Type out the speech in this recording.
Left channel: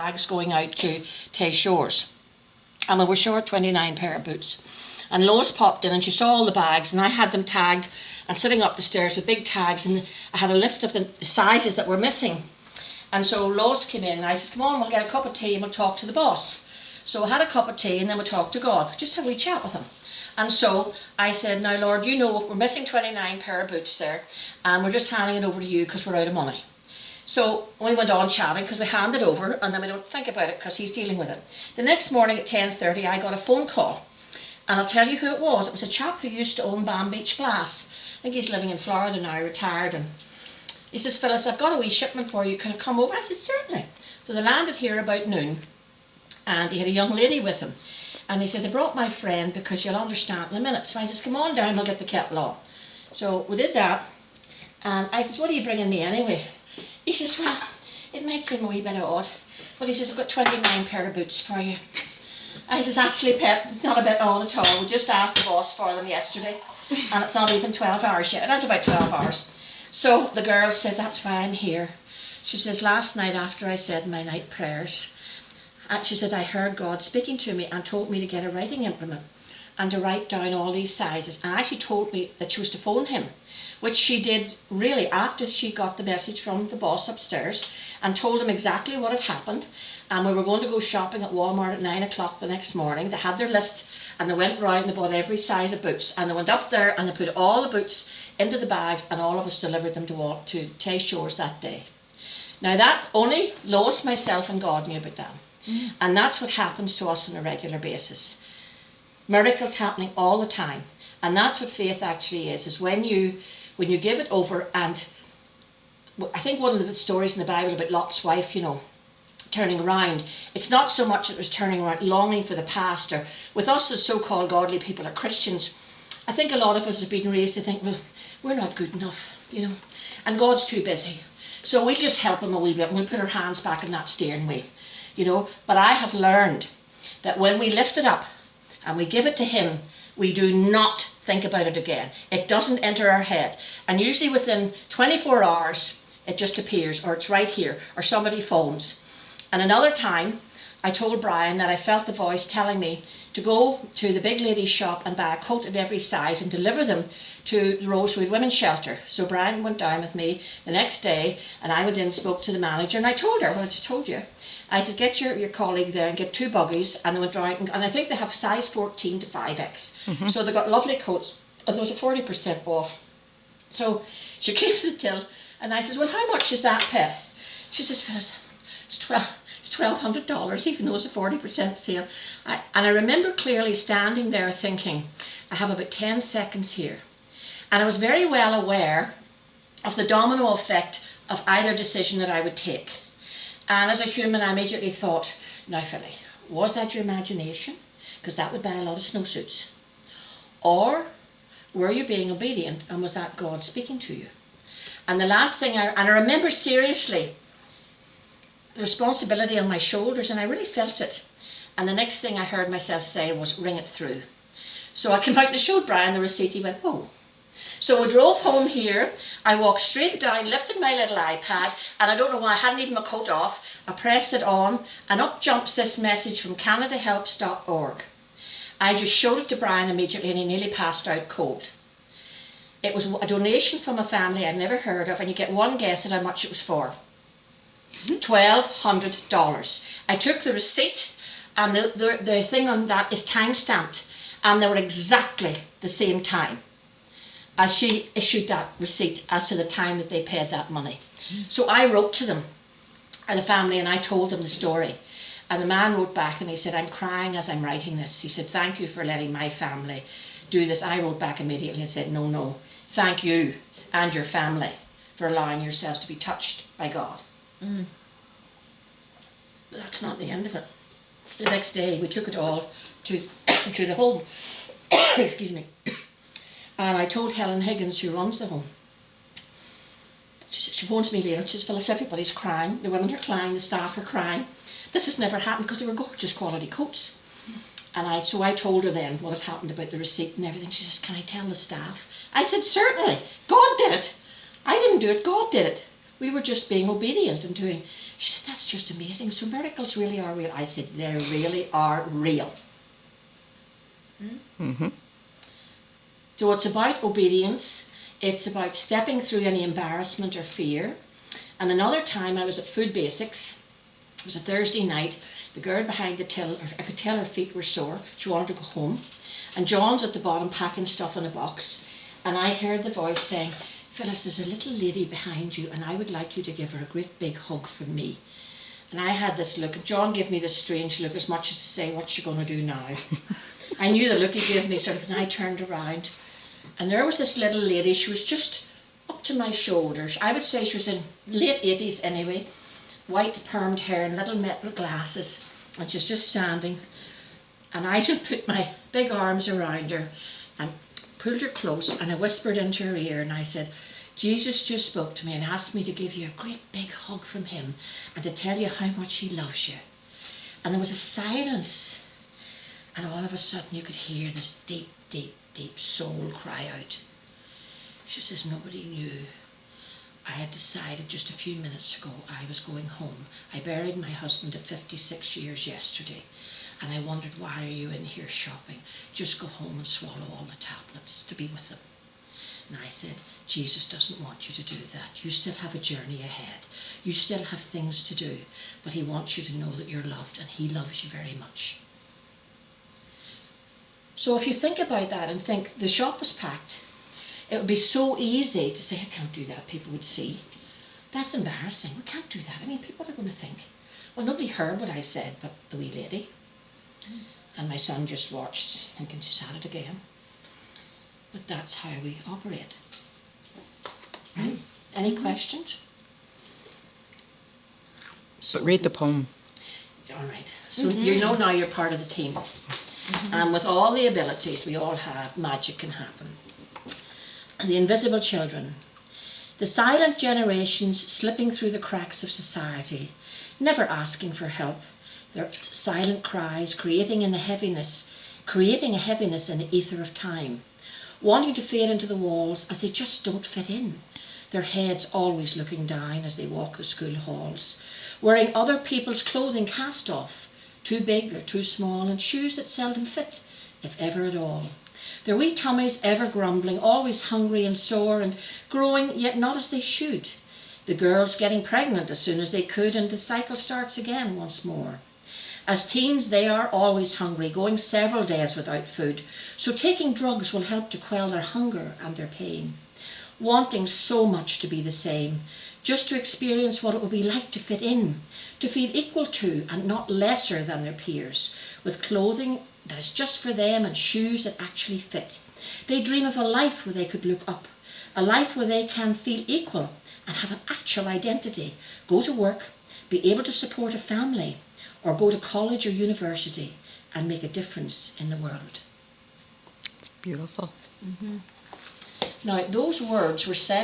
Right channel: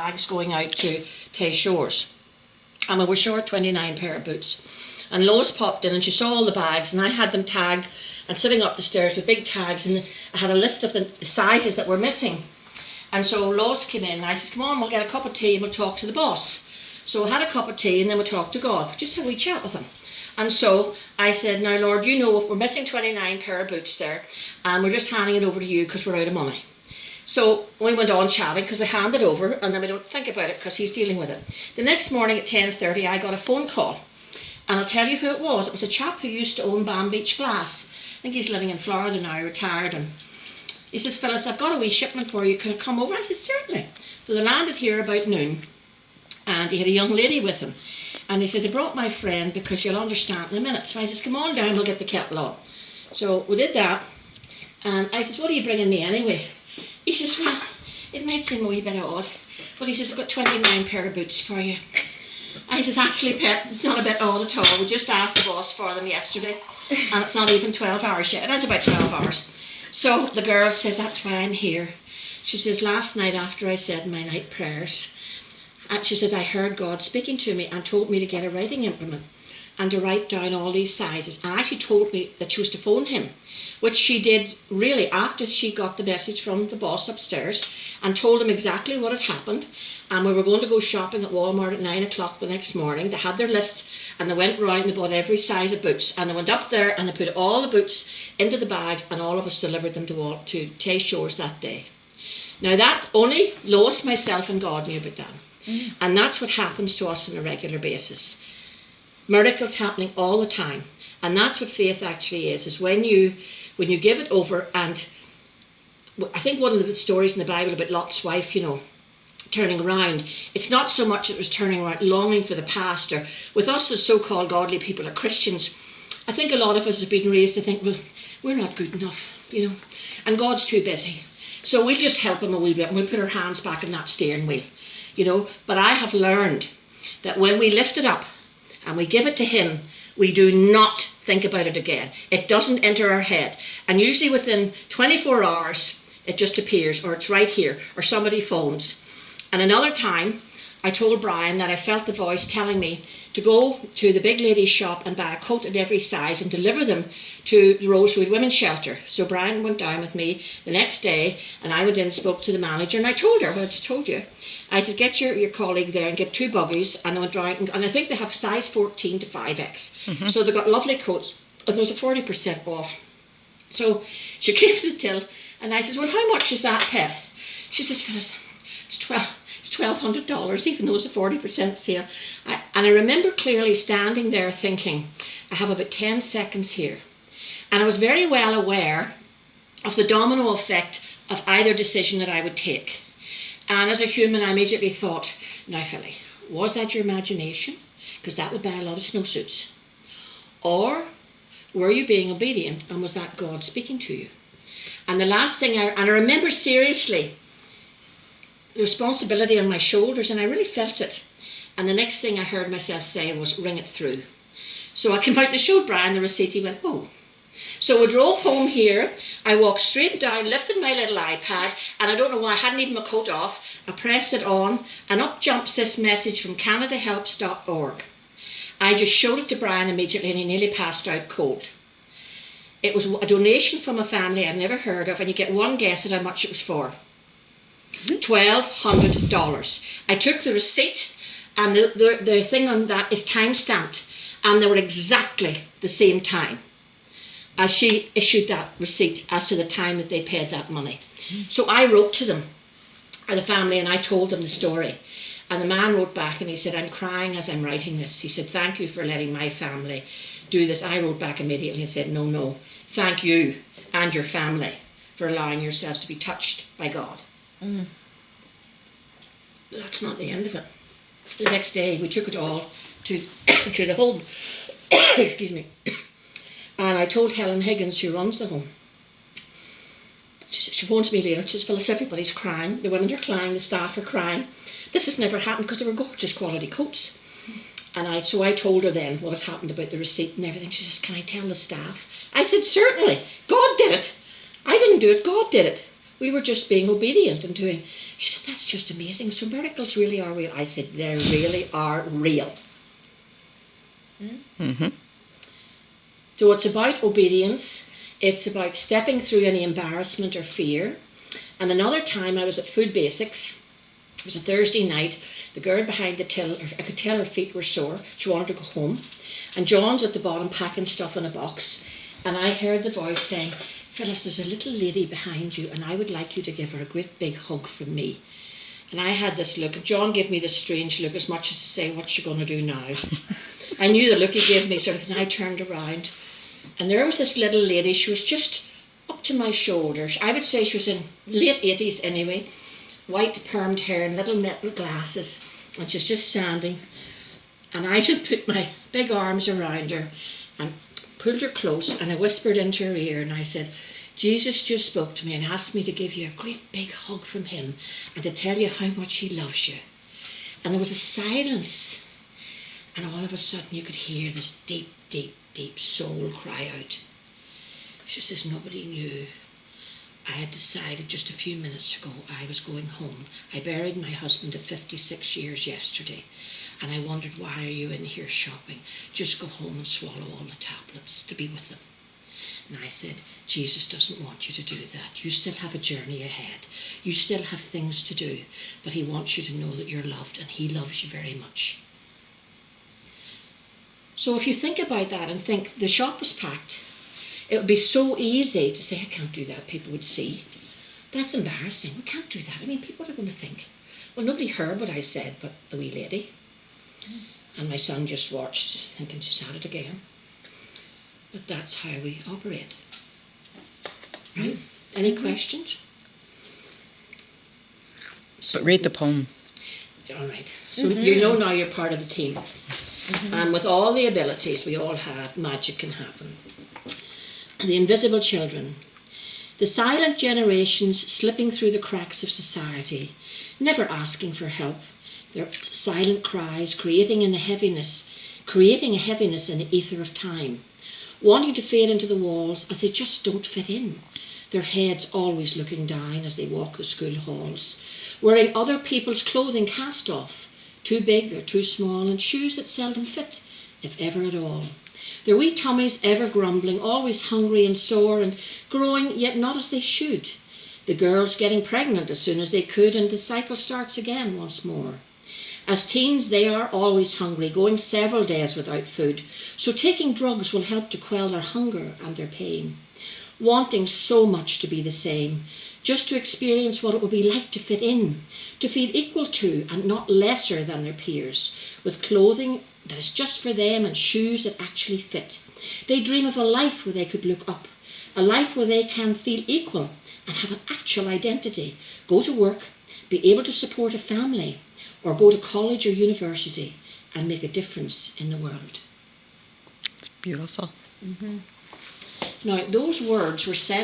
bags going out to Tay Shores. And we were short 29 pair of boots. And Lois popped in and she saw all the bags, and I had them tagged and sitting up the stairs with big tags, and I had a list of the sizes that were missing. And so Lois came in and I said, come on, we'll get a cup of tea and we'll talk to the boss. So I had a cup of tea and then we talked to God, just had a wee chat with him. And so I said, now Lord, you know we're missing 29 pair of boots there, and we're just handing it over to you because we're out of money. So we went on chatting because we handed over, and then we don't think about it because he's dealing with it. The next morning at 10:30 I got a phone call, and I'll tell you who it was. It was a chap who used to own Bam Beach Glass. I think he's living in Florida now, retired, and he says, Phyllis, I've got a wee shipment for you, can it come over? I said, certainly. So they landed here about noon, and he had a young lady with him. And he says, I brought my friend because you'll understand in a minute. So I says, come on down, we'll get the kettle on. So we did that, and I says, what are you bringing me anyway? He says, well, it might seem a wee bit odd, but he says, I've got 29 pair of boots for you. I says, actually, Pet, it's not a bit odd at all. We just asked the boss for them yesterday, and it's not even 12 hours yet. It is about 12 hours. So the girl says, that's why I'm here. She says, last night after I said my night prayers, she says, I heard God speaking to me and told me to get a writing implement and to write down all these sizes. And actually told me that she was to phone him, which she did really after she got the message from the boss upstairs, and told him exactly what had happened. And we were going to go shopping at Walmart at 9 o'clock the next morning. They had their list and they went round and they bought every size of boots, and they went up there and they put all the boots into the bags, and all of us delivered them to Tay Shores that day. Now that only Lois, myself and God knew about that. And that's what happens to us on a regular basis. Miracles happening all the time. And that's what faith actually is when you give it over. And I think one of the stories in the Bible about Lot's wife, turning around, it's not so much that it was turning around, longing for the past, or with us as so-called godly people or Christians, I think a lot of us have been raised to think, well, we're not good enough, and God's too busy. So we'll just help him a wee bit and we'll put our hands back on that steering wheel, But I have learned that when we lift it up and we give it to him, we do not think about it again. It doesn't enter our head. And usually within 24 hours, it just appears, or it's right here, or somebody phones. And another time, I told Brian that I felt the voice telling me to go to the big lady's shop and buy a coat in every size and deliver them to the Rosewood Women's Shelter. So Brian went down with me the next day, and I went in and spoke to the manager, and I told her what I just told you. I said, get your colleague there and get 2 buggies, and they went down, and I think they have size 14 to 5X. Mm-hmm. So they got lovely coats, and there was a 40% off. So she came to the till, and I said, well, how much is that, Pet? She says, Phyllis, it's $1,200, even though it's a 40% sale. And I remember clearly standing there thinking, I have about 10 seconds here. And I was very well aware of the domino effect of either decision that I would take. And as a human, I immediately thought, now Philly, was that your imagination? Because that would buy a lot of snowsuits. Or were you being obedient, and was that God speaking to you? And the last thing, I remember seriously, the responsibility on my shoulders, and I really felt it. And the next thing I heard myself say was, ring it through. So I came out and I showed Brian the receipt. He went, oh. So we drove home here. I walked straight down, lifted my little iPad, and I don't know why, I hadn't even my coat off. I pressed it on, and up jumps this message from CanadaHelps.org. I just showed it to Brian immediately, and he nearly passed out cold. It was a donation from a family I'd never heard of, and you get one guess at how much it was for. $1,200. I took the receipt, and the thing on that is time stamped, and they were exactly the same time as she issued that receipt as to the time that they paid that money. So I wrote to them, the family, and I told them the story. And the man wrote back and he said, I'm crying as I'm writing this. He said, thank you for letting my family do this. I wrote back immediately and said, no, thank you and your family for allowing yourselves to be touched by God. Mm. But that's not the end of it. The next day we took it all to the home. Excuse me. And I told Helen Higgins, who runs the home. She phones me later. She says, Phyllis, everybody's crying. The women are crying. The staff are crying. This has never happened, because they were gorgeous quality coats. And so I told her then what had happened about the receipt and everything. She says, can I tell the staff? I said, certainly. God did it. I didn't do it. God did it. We were just being obedient and doing. She said, that's just amazing. So miracles really are real. I said, they really are real. Mm-hmm. So it's about obedience. It's about stepping through any embarrassment or fear. And another time I was at Food Basics. It was a Thursday night. The girl behind the till, I could tell her feet were sore. She wanted to go home. And John's at the bottom packing stuff in a box. And I heard the voice saying, Phyllis, there's a little lady behind you and I would like you to give her a great big hug from me. And I had this look. John gave me this strange look, as much as to say, what's she going to do now? I knew the look he gave me, sort of, and I turned around. And there was this little lady. She was just up to my shoulders. I would say she was in late 80s anyway. White permed hair and little metal glasses. And she's just standing. And I just put my big arms around her and pulled her close, and I whispered into her ear and I said, Jesus just spoke to me and asked me to give you a great big hug from him and to tell you how much he loves you. And there was a silence, and all of a sudden you could hear this deep, deep, deep soul cry out. She says, nobody knew. I had decided just a few minutes ago I was going home. I buried my husband of 56 years yesterday, and I wondered, why are you in here shopping? Just go home and swallow all the tablets to be with them. And I said, Jesus doesn't want you to do that. You still have a journey ahead. You still have things to do, but he wants you to know that you're loved, and he loves you very much. So if you think about that and think the shop was packed, it would be so easy to say, I can't do that, people would see. That's embarrassing, we can't do that. I mean, people are going to think. Well, nobody heard what I said but the wee lady. And my son just watched, thinking she's at it again. But that's how we operate. Right? Any questions? But read the poem. All right. So you know now you're part of the team. And with all the abilities we all have, magic can happen. The invisible children. The silent generations slipping through the cracks of society, never asking for help. Their silent cries creating a heaviness in the ether of time, wanting to fade into the walls as they just don't fit in. Their heads always looking down as they walk the school halls, wearing other people's clothing cast off, too big or too small, and shoes that seldom fit, if ever at all. Their wee tummies ever grumbling, always hungry and sore and growing, yet not as they should. The girls getting pregnant as soon as they could, and the cycle starts again once more. As teens, they are always hungry, going several days without food, so taking drugs will help to quell their hunger and their pain. Wanting so much to be the same, just to experience what it will be like to fit in, to feel equal to and not lesser than their peers, with clothing that is just for them and shoes that actually fit. They dream of a life where they could look up, a life where they can feel equal and have an actual identity, go to work, be able to support a family, or go to college or university and make a difference in the world. It's beautiful. Now, those words were said